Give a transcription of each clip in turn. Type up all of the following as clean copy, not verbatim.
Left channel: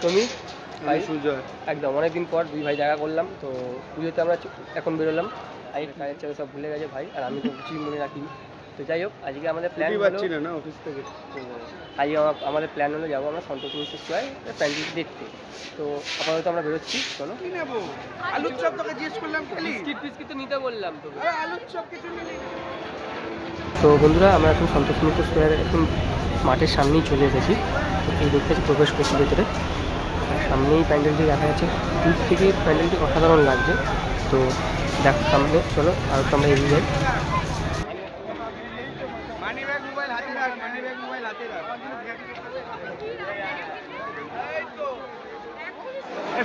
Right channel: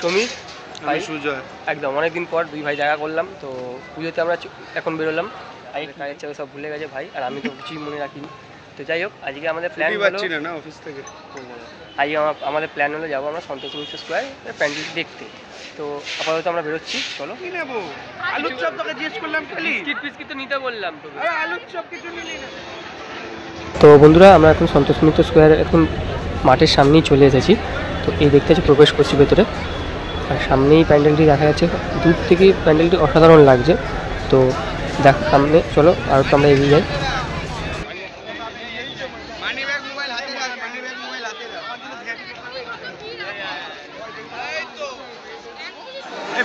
সমীর, ভাই সুজয়। একদম অনেকদিন পর দুই ভাই দেখা করলাম। তো পুজোতে আমরা এখন বেরোলাম। আজকে কাজের চাপে সব ভুলে গেছে ভাই, আর আমি তো কিছুই মনে রাখিনি। তো যাই হোক, আজকে আমাদের প্ল্যান হলো না অফিস থেকে, আজকে আমাদের প্ল্যান হলো যাবো আমরা সন্তোষ মিত্র স্কোয়ার প্যান্ডেলটি দেখতে। তো আপাতত আমরা বেরোচ্ছি, চলো। তো নিতে বললাম তোকে। তো বন্ধুরা, আমরা এখন সন্তোষ মিত্র স্কোয়ার এখন মাঠের সামনেই চলে এসেছি। তো এই দেখতে পাচ্ছি প্রবেশ করছি ভেতরে, আর সামনেই প্যান্ডেলটি দেখা যাচ্ছে। দূর থেকে প্যান্ডেলটি অসাধারণ লাগছে। তো দেখ সামনে, চলো আর তো আমরা এগিয়ে যাই।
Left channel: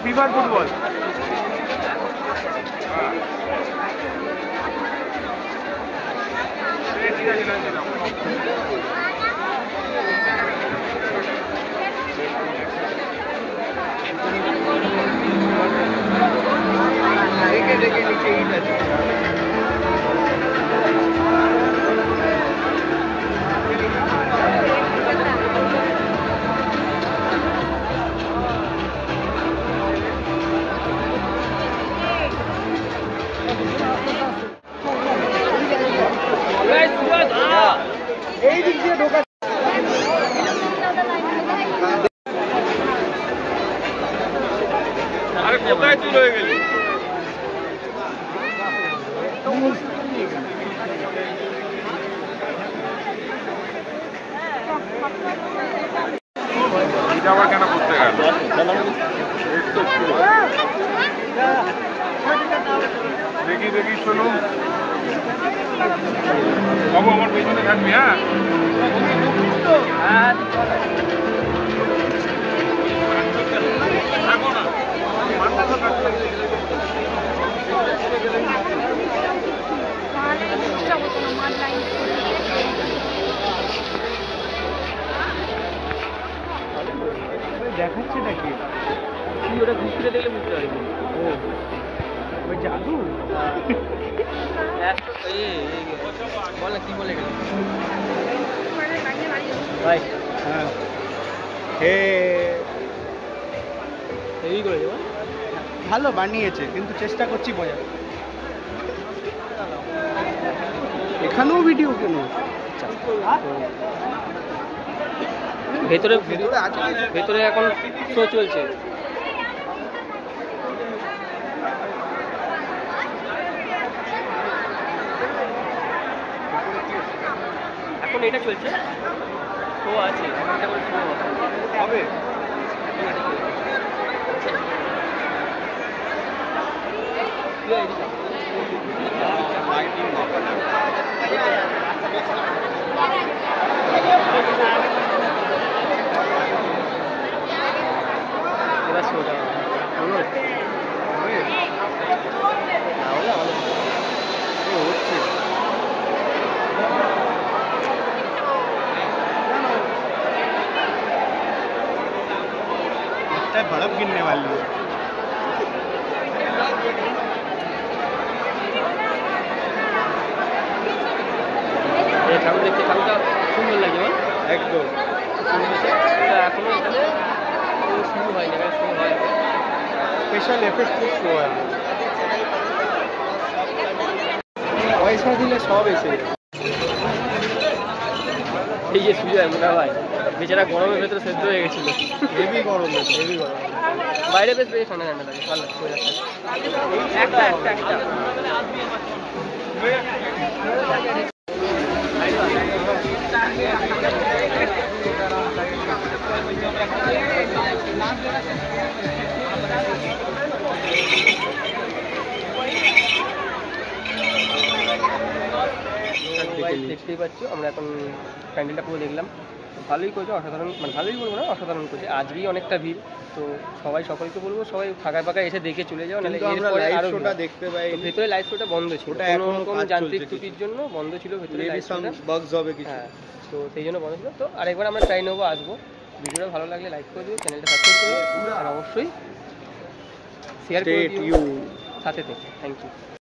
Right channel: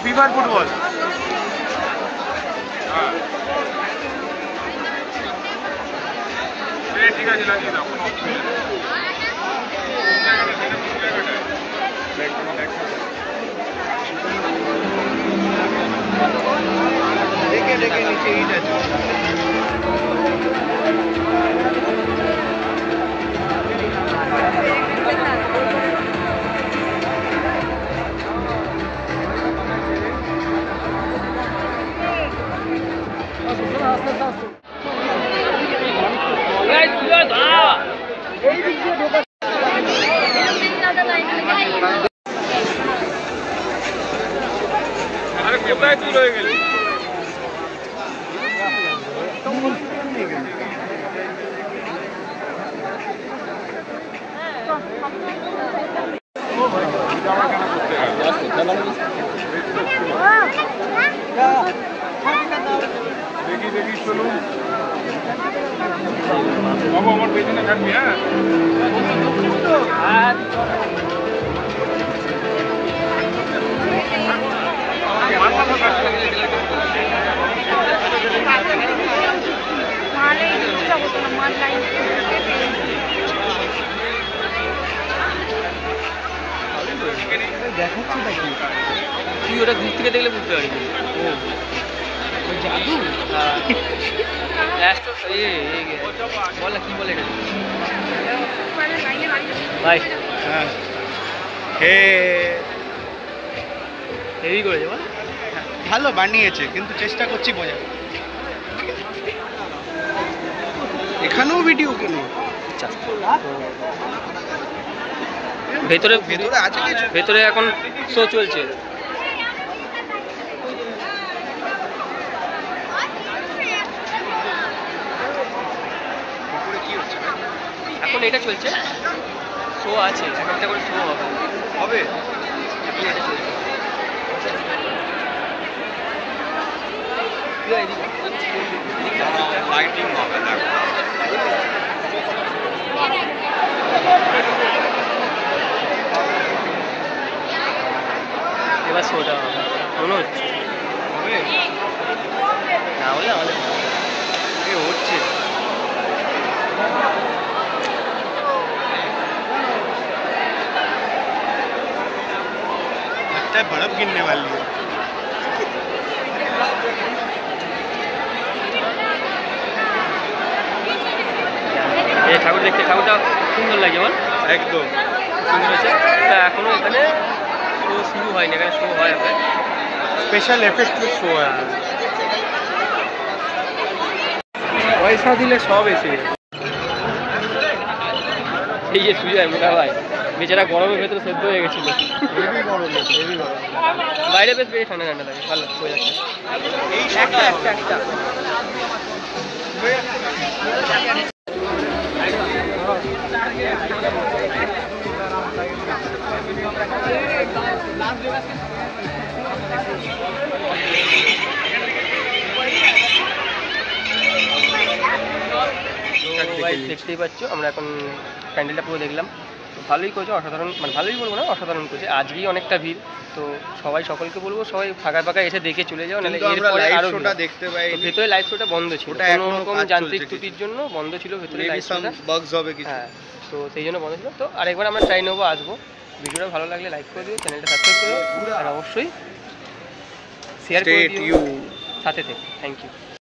ফিফার ফুটবল ঠিক আছে, লাগিয়ে দাও। দেখে দেখে নিচে আছে। এই দিক দিয়ে ঢোকা কোথায় তুই রয়ে গেলি? দেখি দেখি চলো বাবু, আমার পেছনে থাকবি। হ্যাঁ দেখাচ্ছি নাকি? তুই ওটা দূর থেকে দেখলে বুঝতে পারবি। ও জাদু। বল না, কি বলে এটা ভাই? হ্যাঁ, হে হেভি করেছে বল। ভালো বানিয়েছে, কিন্তু চেষ্টা করছি বোঝা। এখানেও ভিডিও কিনে ভেতরে আছে, ভেতরে এখন শো চলছে। এখন এটা চলছে, শো আছে, একটা করে শো হবে। এখন এটা চলছে। লাইটিং হবে না। এবার শোটা মনে হচ্ছে না হলে আমাদের হচ্ছে। बर्फ गिरने वाली है। এই ঠাকুর দেখতে, ঠাকুরটা সুন্দর লাগে আমার, একদম সুন্দর হয়েছে। তা এখনো এখানে শো শুরু হয়নি, এখানে শো হয় আপনার স্পেশাল এফেক্ট শো হয়। পয়সা দিলে সব এসে। এই যে সুজয় মোটা ভাই বেচারা গরমের ভেতরে সেদ্ধ হয়ে গেছিল। হেভি গরম, হেভি গরম। বাইরে বেশ বেশ ঠান্ডা ঠান্ডা লাগে, ভালো হয়ে যাচ্ছে। দেখতেই পাচ্ছ, আমরা এখন প্যান্ডেলটা পুরো দেখলাম। ভালোই করেছে, অসাধারণ, মানে ভালোই বলবো না, অসাধারণ করেছে। আজকেই অনেকটা ভিড়। তো সকলকে বলবো, সবাই ফাঁকা এসে দেখে চলে যাও, নাহলে এরপরে আরো দেখতে পাই। ভেতরে লাইভ শোটা বন্ধ ছিল, কোনো রকম যান্ত্রিক ত্রুটির জন্য বন্ধ ছিল ভেতরে লাইভ শোটা। হ্যাঁ, তো সেই জন্য বন্ধ ছিল। তো আরেকবার আমরা ট্রাই নেবো, আসবো। ভিডিওটা ভালো লাগলে লাইক করে দিও, চ্যানেলটা সাবস্ক্রাইব করো, আর অবশ্যই শেয়ার করে দিও সাথে থেকে। Thank you.